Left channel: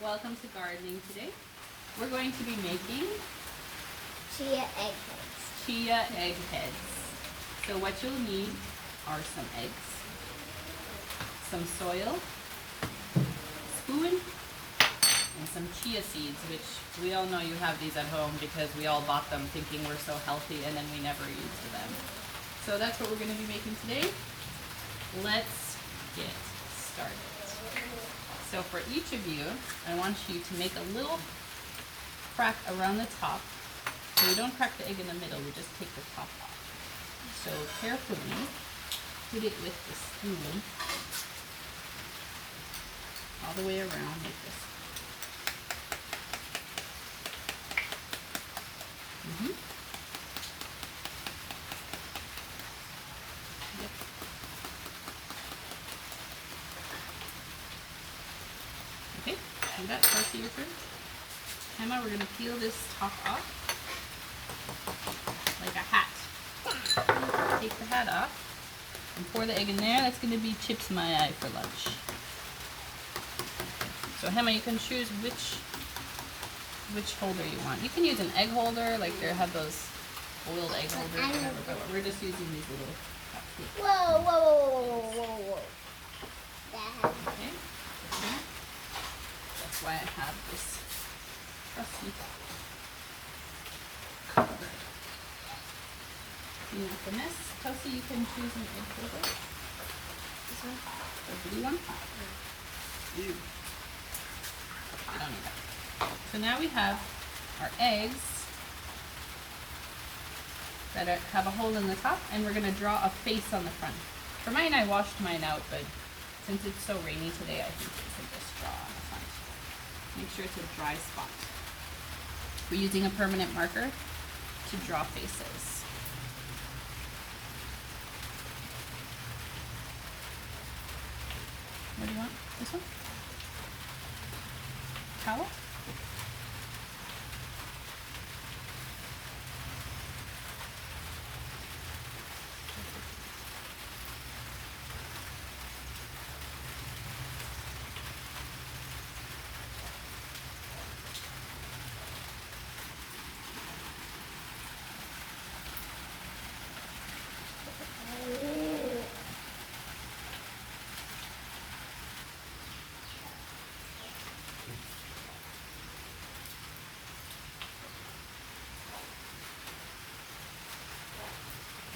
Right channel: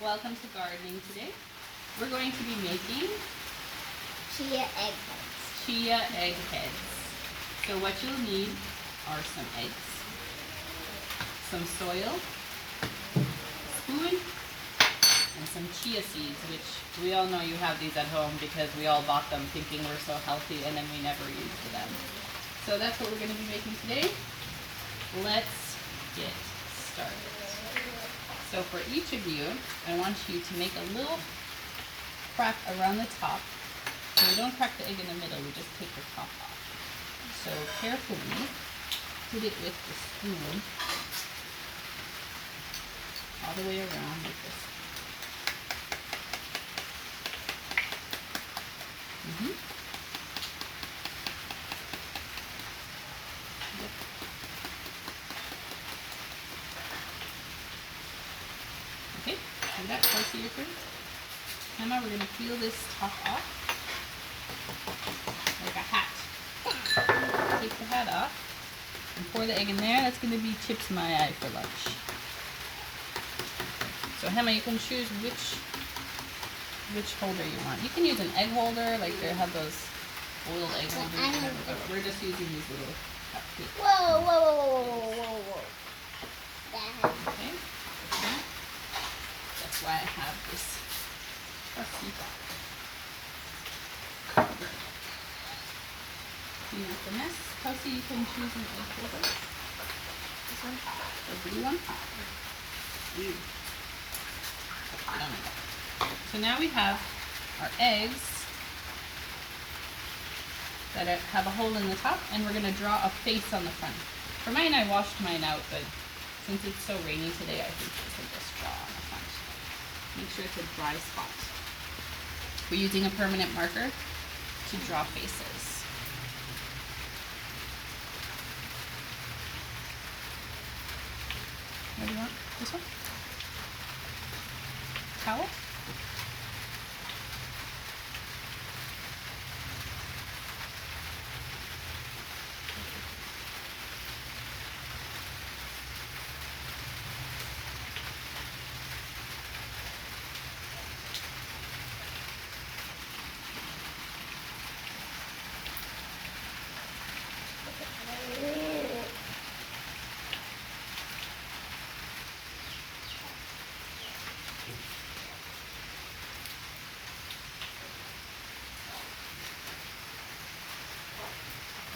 Welcome to gardening today. We're going to be making Chia egg heads. chia egg heads. So what you'll need are some eggs, some soil, a spoon, and some chia seeds, which we all know you have these at home because we all bought them thinking we're so healthy and then we never used them. So that's what we're going to be making today. Let's get started. So for each of you, I want you to make a little crack around the top. So we don't crack the egg in the middle, we just take the top off. So carefully put it with the spoon all the way around like this. Yep. Okay, do that close to your food. Emma, we're going to peel this top off like a hat. Take the hat off and pour the egg in there. That's going to be Chip's My Eye for lunch. So Emma, you can choose which holder you want. You can use an egg holder, like they have those oiled egg holders, whatever, but we're just using these little cupcakes. Whoa, whoa, whoa, whoa, whoa, whoa, whoa. That. Okay. That's why I have this trusty box. Clean up the mess. Kelsey, you can choose an egg holder. This one? The blue one? Blue. I don't know. So now we have our eggs that have a hole in the top, and we're going to draw a face on the front. For mine, I washed mine out, but since it's so rainy today, I think we can just draw on the front. Make sure it's a dry spot. We're using a permanent marker to draw faces. What do you want? This one? Towel?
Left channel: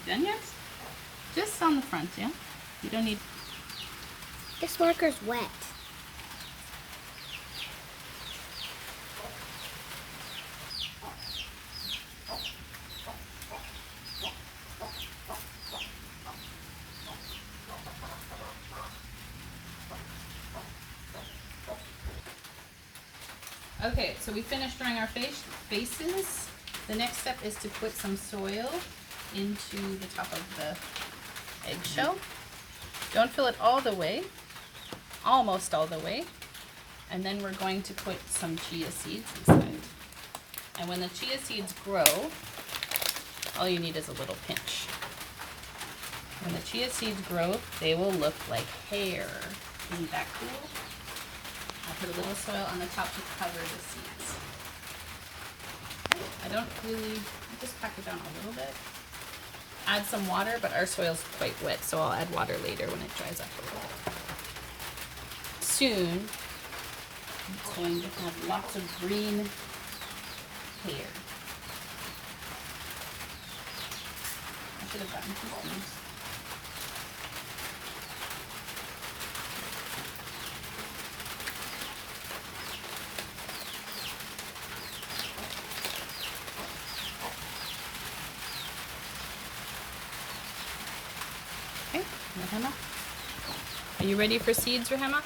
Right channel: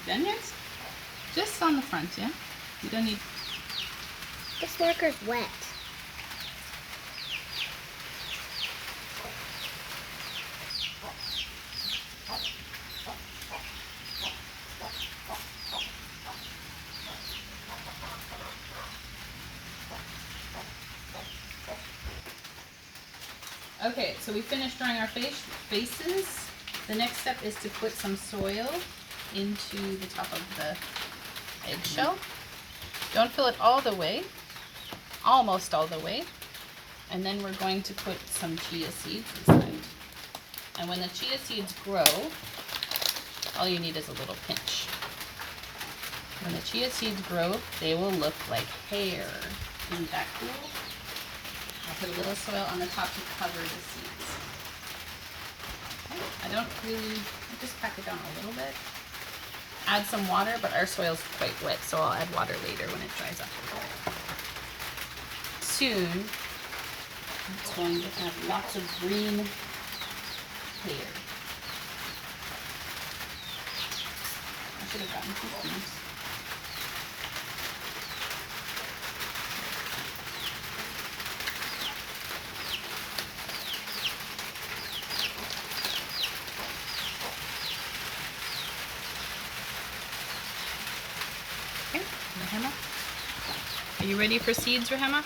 Done yet? Just on the front, yeah? You don't need... This marker's wet. Okay, so we finished drawing our faces. The next step is to put some soil into the top of the eggshell. Don't fill it all the way, almost all the way. And then we're going to put some chia seeds inside. And when the chia seeds grow, all you need is a little pinch. When the chia seeds grow, they will look like hair. Isn't that cool? I put a little soil on the top to cover the seeds. I don't really, I just pack it down a little bit. Add some water, but our soil's quite wet, so I'll add water later when it dries up a little. Soon, it's going to have lots of green hair. I should have gotten two spoons. Okay, Rahema. Are you ready for seeds, Rahema?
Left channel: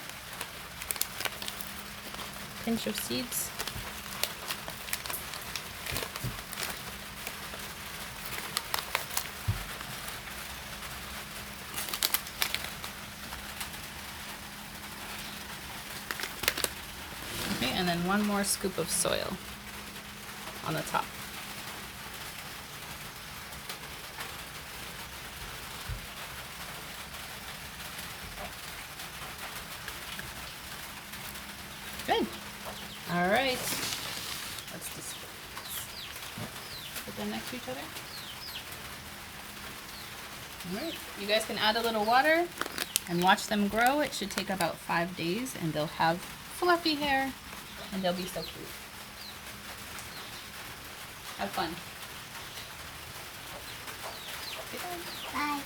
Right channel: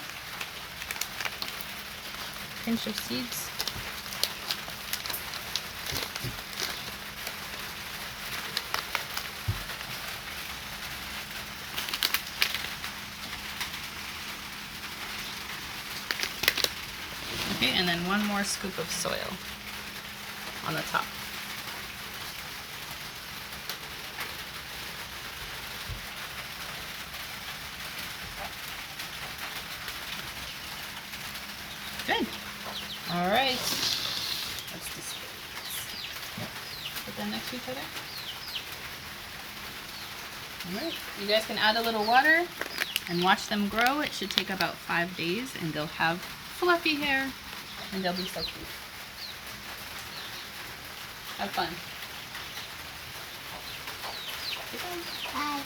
Pinch of seeds. Okay, and then one more scoop of soil on the top. Good. All right. Let's just put them next to each other. All right. You guys can add a little water and watch them grow. It should take about 5 days, and they'll have fluffy hair, and they'll be so cute. Have fun. Goodbye. Bye.